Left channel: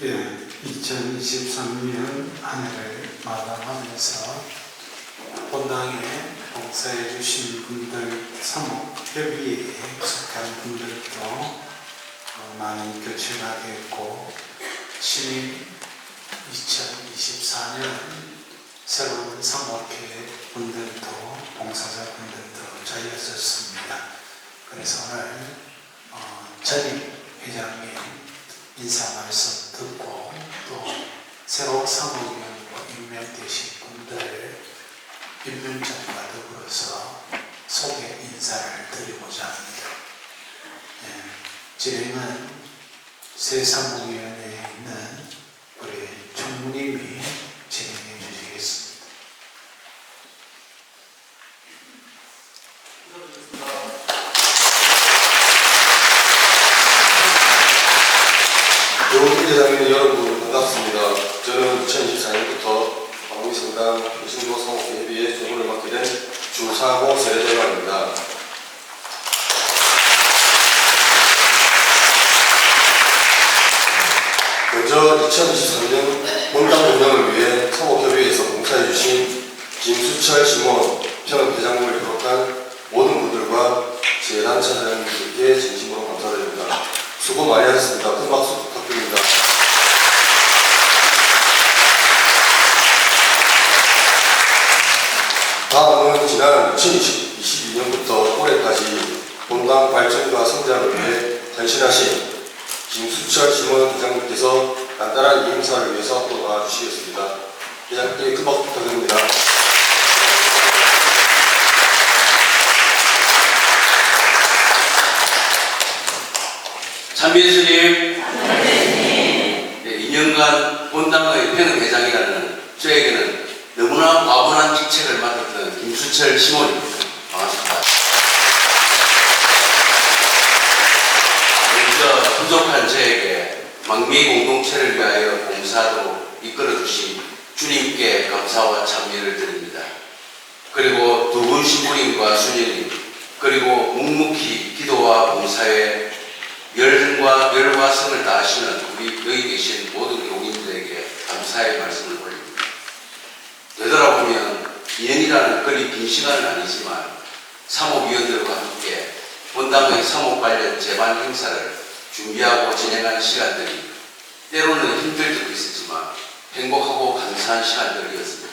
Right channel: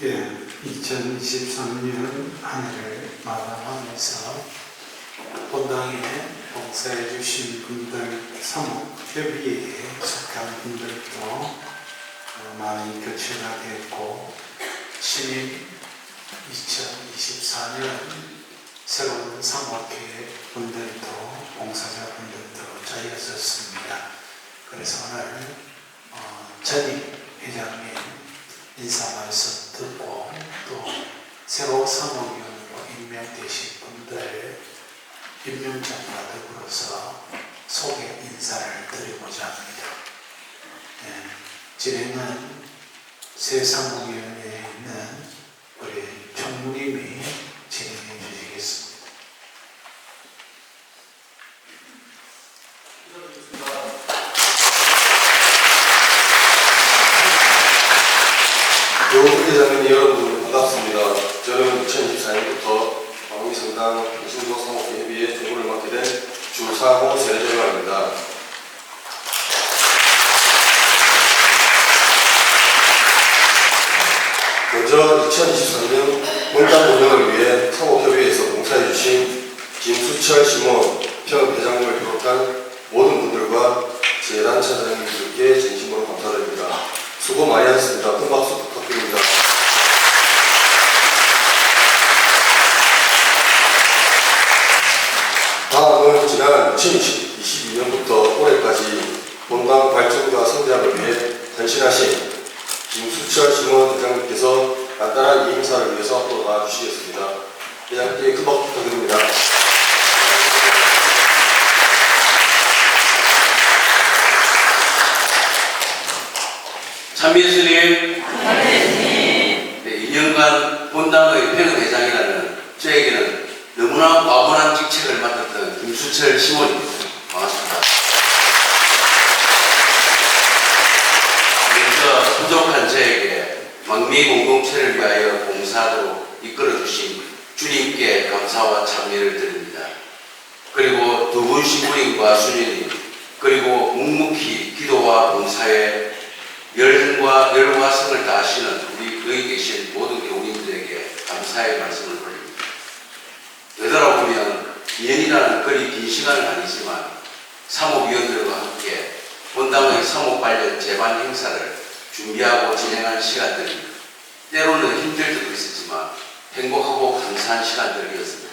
예, 2023년 한 해를 마감하면서 본당에 봉사해 주신 분들, 사목협의회에 속한 분들도 어, 많이 교체하겠고 신인 2024년 새로운 사목회 분들도 봉사자 분들도 자리하셨습니다. 그래서 오늘 어, 전임 회장님 인사 말씀 듣고 또 새로 사무위원으로 임명되신 분들 임명장과 더불어서 소개 인사를 드리고자 합니다. 네, 진행은 새 사무위원회에 있는 우리 총무님이 진행해 주시겠습니다. 교회장님 여러분 반갑습니다. 저는 2024년부터 광미성당 유승도 사목회의의 조문을 맡게 된 주사고 세대장입니다. 먼저 2023년 본당 운영을 위해 사목협의회에서 봉사해주신 김수철 심원 평회장님을 비롯한 모든 분들과 재단 차장님들께 진심으로 감사드립니다. 수고 많이 하셨습니다. 큰 박수 부탁드립니다. 다음은 지난 2022년부터 올해까지 본당 발전과 성장을 위해 헌신하신 김수철 지원 대장님께서 간단한 인사를 위해서 앞으로 나와주시겠습니다. 대장님께 큰 박수 부탁드립니다. 참예수님, 네, 2년간 본당의 평회장이라는 저에게는 너무나 과분한 직책을 맡았던 김수철 시몬입니다. 반갑습니다. 부족한 저에게 망미 공동체를 위하여 봉사하도록 이끌어 주신 주님께 감사와 찬미를 드립니다. 그리고 두 분 신부님과 수녀님, 그리고 묵묵히 기도와 봉사에 열과 열과 성을 다하시는 우리 여기 계신 모든 교우님들에게 감사의 말씀을 드립니다. 되돌아보면 2년이라는 그리 긴 시간은 아니지만 사목위원들과 함께 본당의 사목 관련 재반 행사를 준비하고 진행하는 시간들이 때로는 힘들 때도 있었지만 행복하고 감사한 시간들이었습니다.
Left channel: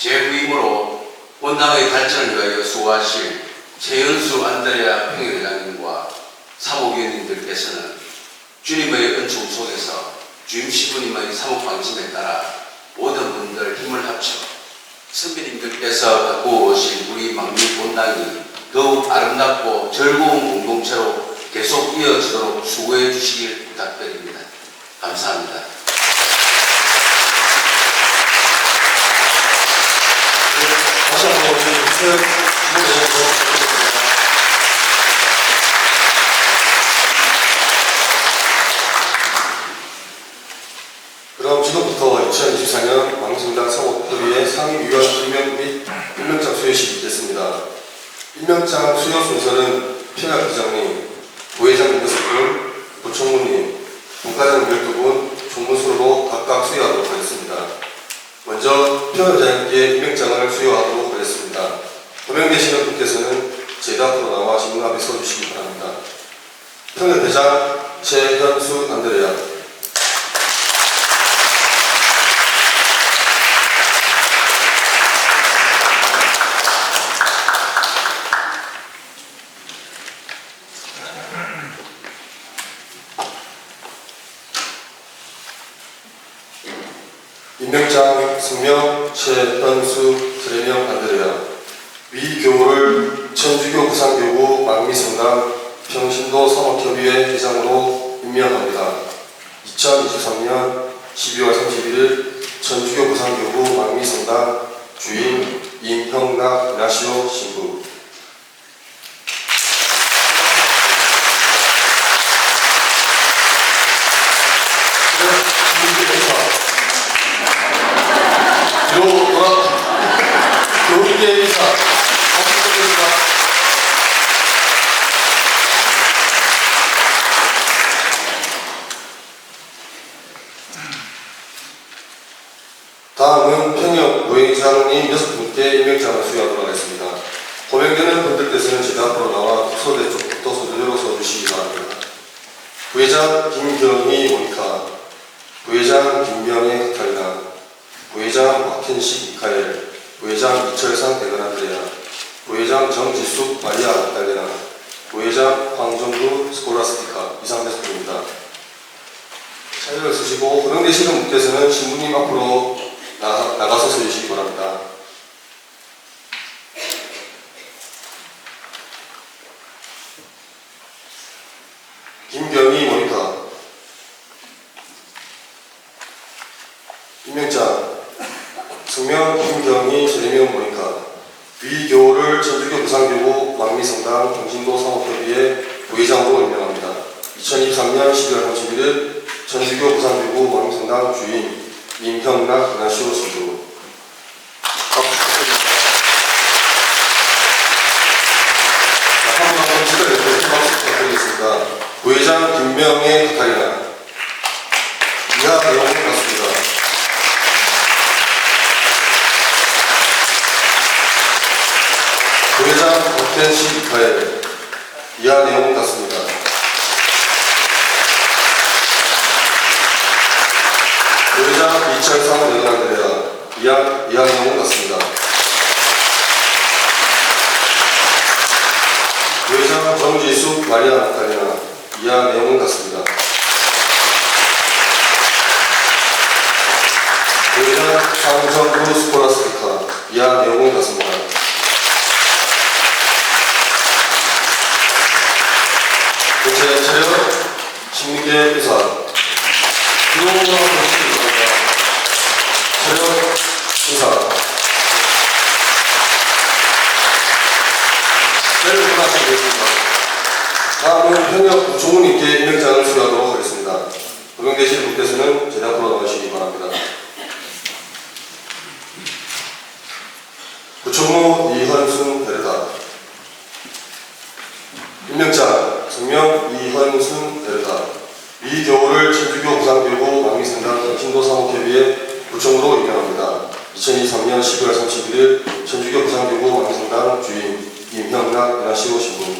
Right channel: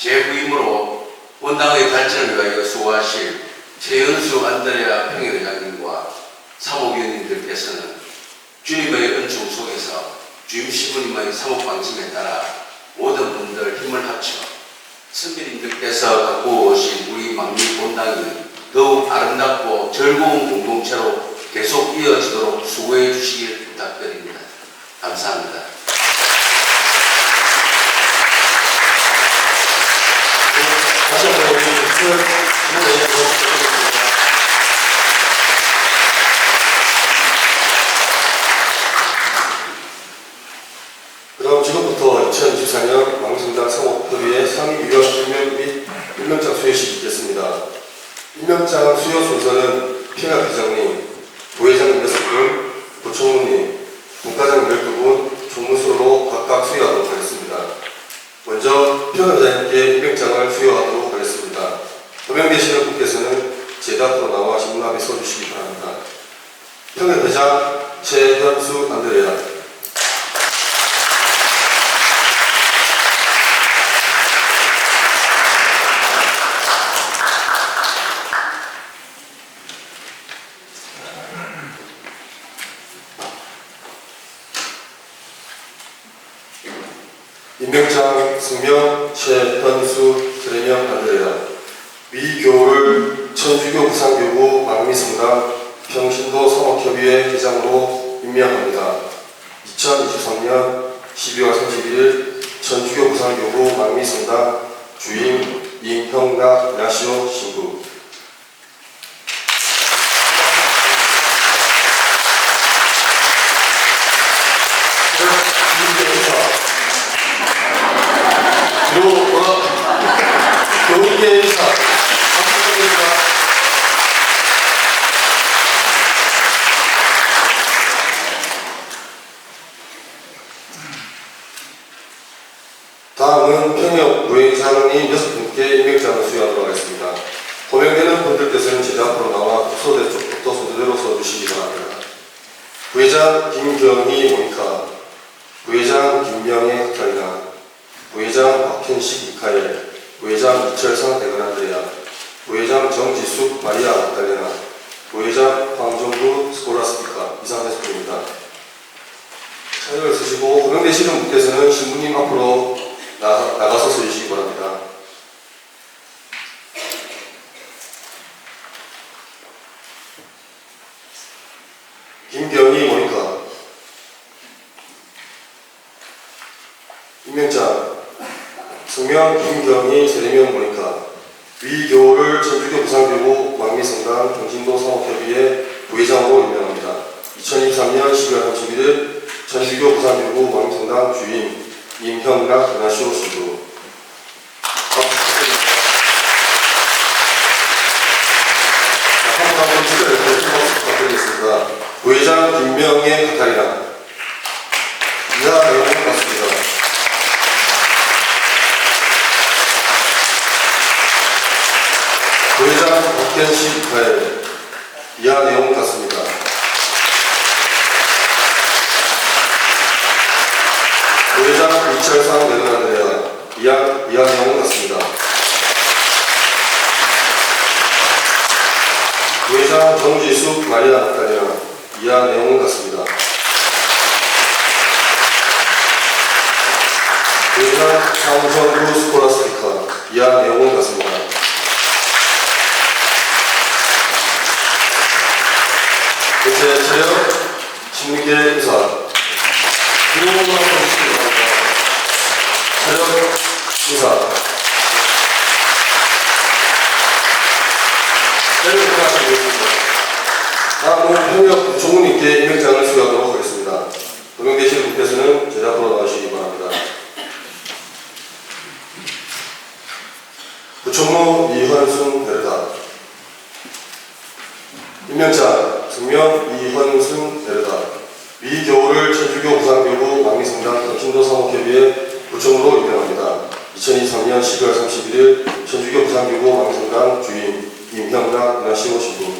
제 후임으로 본당의 발전을 위하여 수고하실 최연수 안드레아 평의회장님과 사목위원님들께서는 주님의 은총 속에서 주임 신부님의 사목 방침에 따라 모든 분들 힘을 합쳐 선배님들께서 갖고 오신 우리 망리 본당이 더욱 아름답고 즐거운 공동체로 계속 이어지도록 수고해 주시길 부탁드립니다. 감사합니다. 다시 한번 우리 박수 주시면 그럼 지금부터 2024년 왕성당 사목협의회 상임위원 임명 및 임명장 수여식이 있겠습니다. 임명장 수여 순서는 핑하 기장님, 부회장님 6분, 부총무님, 분과장 12분, 총무수로 각각 수여하도록 하겠습니다. 먼저 피원장님께 임명장을 수여하도록 하겠습니다. 호명되시는 분께서는 제 앞으로 나와 질문 앞에 서주시기 바랍니다. 평의대장 최현수 안드레아 임명장 승명 최현수 세명 안드레아 위교를 천주교 부산교구 망미성당 평신도 성악협의회 회장으로 임명합니다. 2023년 12월 31일 천주교 부산교구 망미성당 주임 임형락 나시오 신부 교과 교육의 인사 감사드립니다. 다음은 평역 부회장님 여섯 분께 임명장을 수여하도록 하겠습니다. 호명되는 분들 뜻은 제자 앞으로 나와 소대 쪽부터 소대로 써주시기 바랍니다. 부회장 김경희 모니카, 부회장 김명혜 카탈리나, 박현식 미카엘, 부회장 이철상 대건한드레아, 부회장 정지숙 마리아 카탈리나, 부회장 황정구 스콜라스티카 이상했습니다. 차례를 쓰시고 호명되시는 분께서는 신부님 앞으로 나, 나가서 서주시기 바랍니다. 김경희 모니카 임명장 성명 김경희 재명 모니카 위교를 전주교 부상되고 왕미성당 경신도 사업협의회 부회장으로 임명합니다. 2023년 12월 31일 전주교 부산대구 왕성당 주임 임형락 박수 부탁드리겠습니다. 부회장 김명혜 카타리나 이하 내용은 같습니다. 부회장 박현식 가엘 이하 내용은 같습니다. 부회장 이철상 외관대야 이하 이하 내용은 같습니다. 부회장 정지숙 마리아 나타리아 이하 내용은 같습니다. 부회장 황정구 스콜라스티카 이하 내용은 같습니다. 대체 체력 신민계 의사 기록으로 보시기 바랍니다. 체력 의사 체력 의사 되겠습니다. 다음은 현역 부총무님께 임명장을 수여하도록 하겠습니다. 고용되신 분께서는 제자 앞으로 나오시기 바랍니다. 부총무 이현순 대리다 임명장 성명 이현순 대리다 미교를 천주교 부산교구 왕미성당 정신도 사목협의회 부총으로 임명합니다. 2023년 12월 31일 천주교 부산교구 왕미성당 주임 임형락 은하시오 신부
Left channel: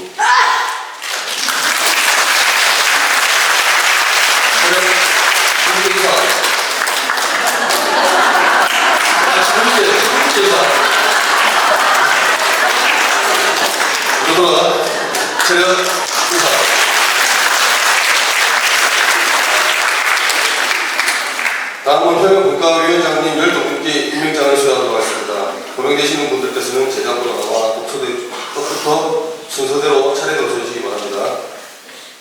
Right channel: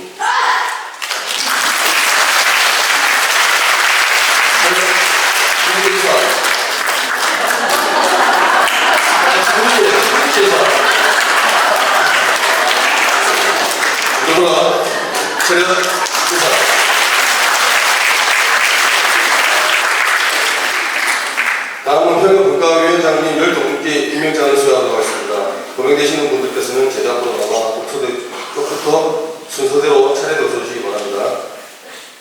누구나 체력 의사 다음은 현역 국가위원장님 12분께 임명장을 수여하도록 하겠습니다. 고명되시는 분들께서는 제자부로 나와 끝부터 순서대로 차례대로 서주시기 바랍니다.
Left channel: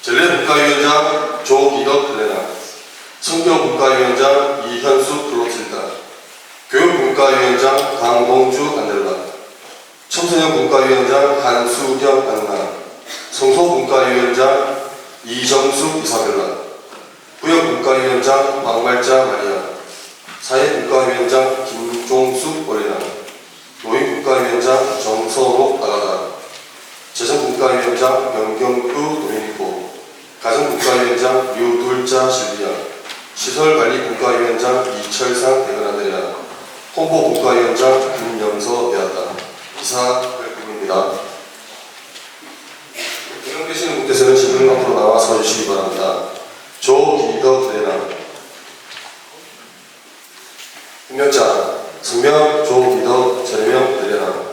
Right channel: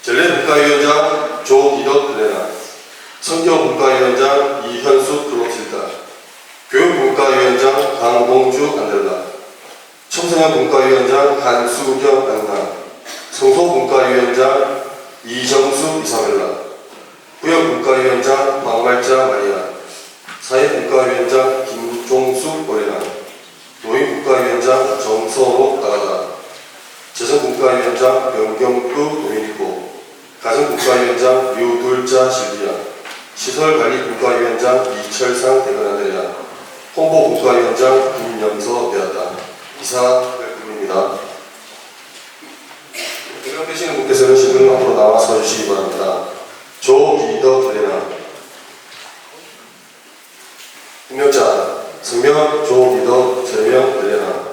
전례 국가위원장 조기덕 레나 성경 국가위원장 이현숙 클로틸다 교육 국가위원장 강봉주 안델라 청소년 문과위원장 한수경 안나, 성소문과위원장 이정수 이사벨라, 구역문과위원장 박말자 마리아, 사회문과위원장 김종숙 어린아, 노인문과위원장 정선호 나가다, 재정문과위원장 명경구 도미니코, 가정문과위원장 유둘자 실비아, 시설관리문과위원장 이철상 대건아데야, 홍보문과위원장 김영서 대하다. 이사입니다. 대변되시는 분께서는 지금 앞으로 나와 서주시기 바랍니다. 조기덕 대나 임명자 성명 조기덕 재명 대나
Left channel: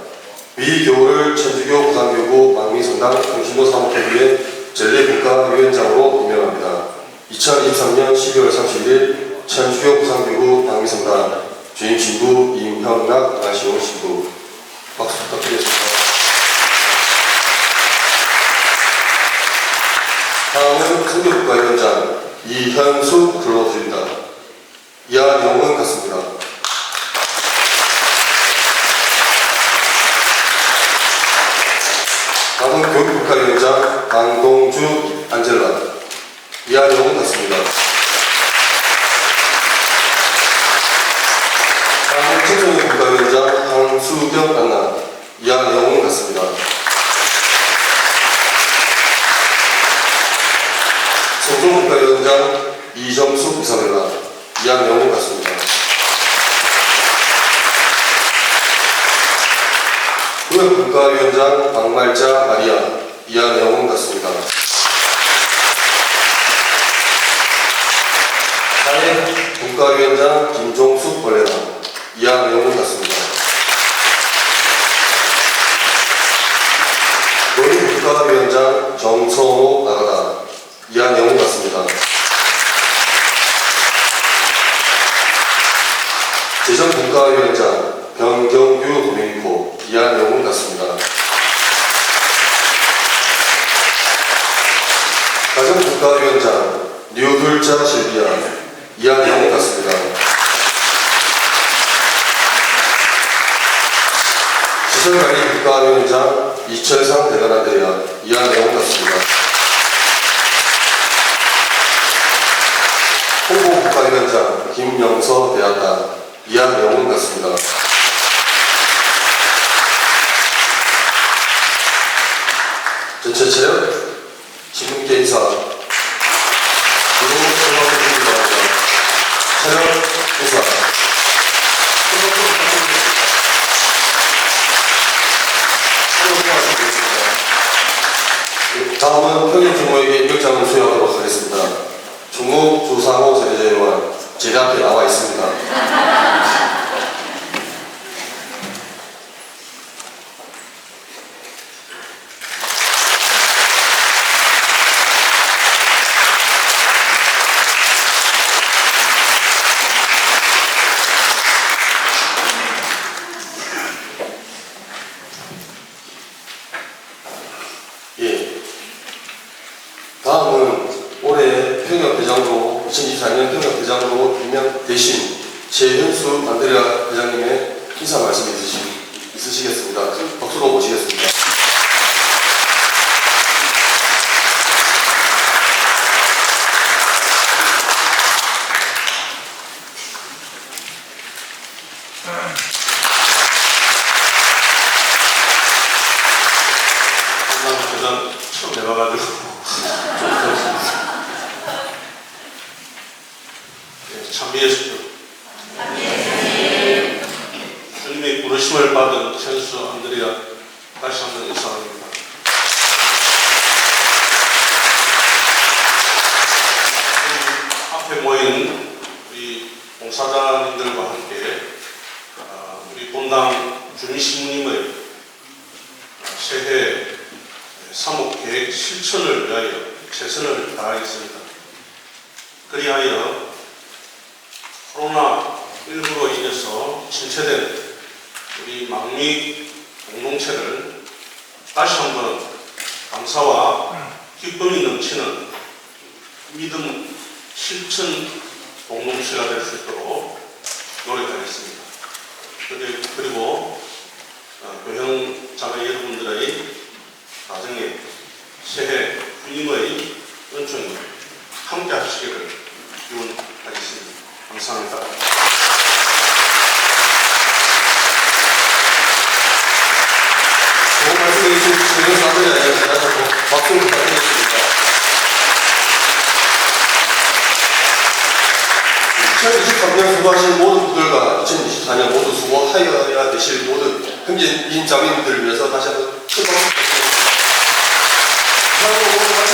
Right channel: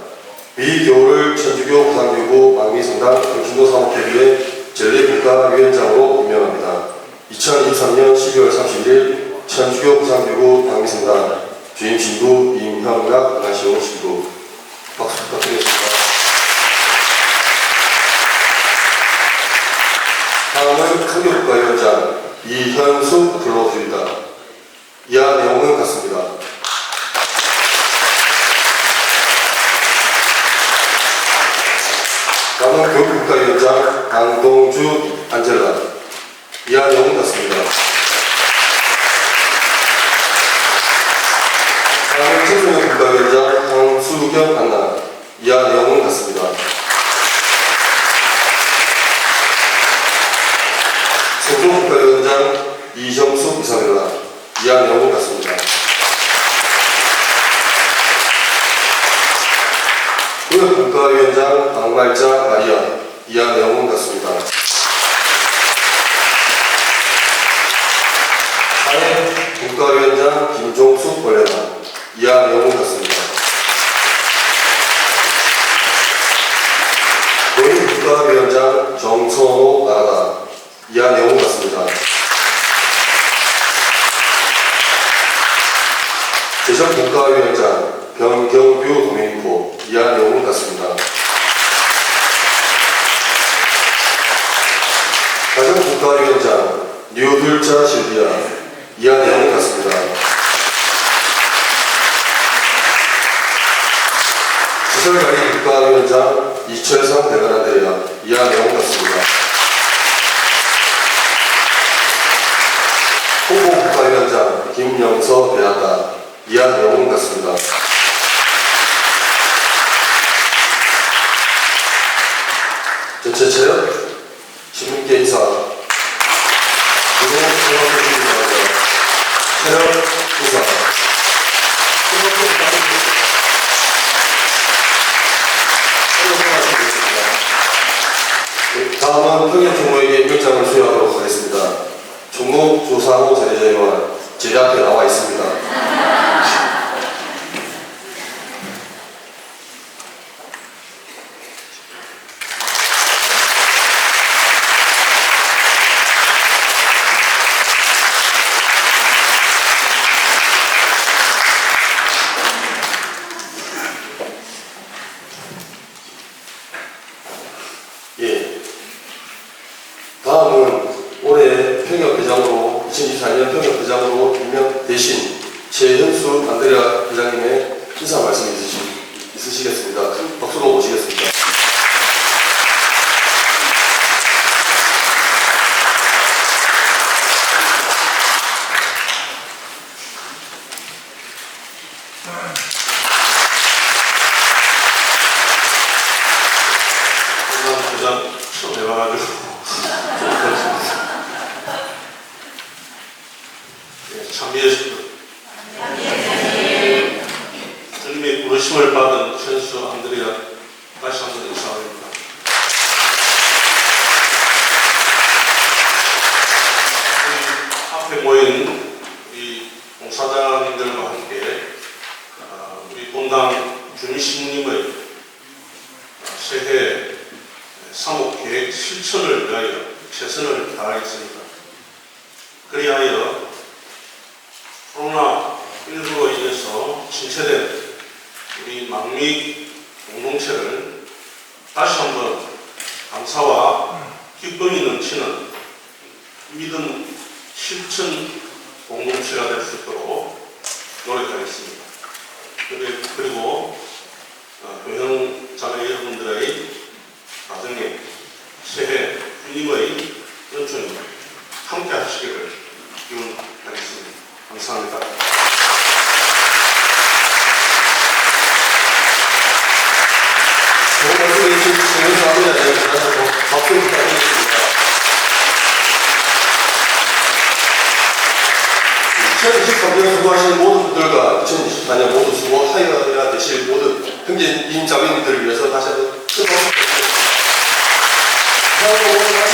미교를 천주교 부산교구 망미성당 정신도 사목회의회 전례국가위원장으로 임명합니다. 2023년 12월 31일 천주교 부산교구 망미성당 주임 신부 임형락 나시오 신부 박수 부탁드리겠습니다. 다음은 성교국가위원장 이현수 근로수입니다. 이하 내용은 같습니다. 다음은 교육국가위원장 강동주 안젤라. 이하 내용은 같습니다. 다음은 청소년 국가위원장 황수경 안나. 이하 내용은 같습니다. 세종국가위원장 이정수 이사벨라. 이하 내용은 같습니다. 사회 국가위원장 김종숙 원래당 이하 내용은 같습니다. 노인 국가위원장 정성호 나라다 이하 내용은 같습니다. 대전 국가위원장 변경규 도민코 이하 내용은 같습니다. 가정 류둘자 실비아 내용은 같습니다. 시설관리 국가위원장 이철상 대단한 대야 이하 내용은 같습니다. 홍보 국가위원장 김영서 이하 내용은 같습니다. 전체체요 지금께 인사 그리고 생각해주시기 바랍니다. 체력 인사 네, 다음은 평일 부모에게 입장을 수여하도록 하겠습니다. 종국 조상호 세대제의원 제대 앞에 나와 있습니다. 예. 다음은 올해 평협회장으로 2024년 평협회장으로 임명되신 최현수 안드레아 회장님의 인사 말씀 있으시, 있으시겠습니다. 박수로 모시겠습니다. 정말 그냥 처음 해봐가지고 예, 참여해주시고 주님의 부르심을 받은 천수 안드레아 다시 한번 인사드립니다. 우리 앞에 모인 우리 봉사자님들과 함께 아, 우리 본당 주민신부님의 새해 사목계획 실천을 위하여 최선을 다하겠습니다. 그리하여 코로나19로 인해서 침체된 우리 망미 공동체를 다시 한번 감사와 기쁨이 넘치는 믿음 실천 공동체가 될 수 있도록 노력하겠습니다. 그리- 그리고 어, 교형 자녀 여러분들의 가정에 새해 주님의 은총이 함께 하시기를 기원하겠습니다. 감사합니다. 좋은 말씀 해주신 최현수 안드레아 회장님 다시 한번 박수 부탁드리겠습니다. 2023년 수고하신 모든 분들과 2024년 모두 수고 하여야 되실 모든 형제인 자매님들을 위해서 다시 한번 뜨거운 박수 부탁드립니다.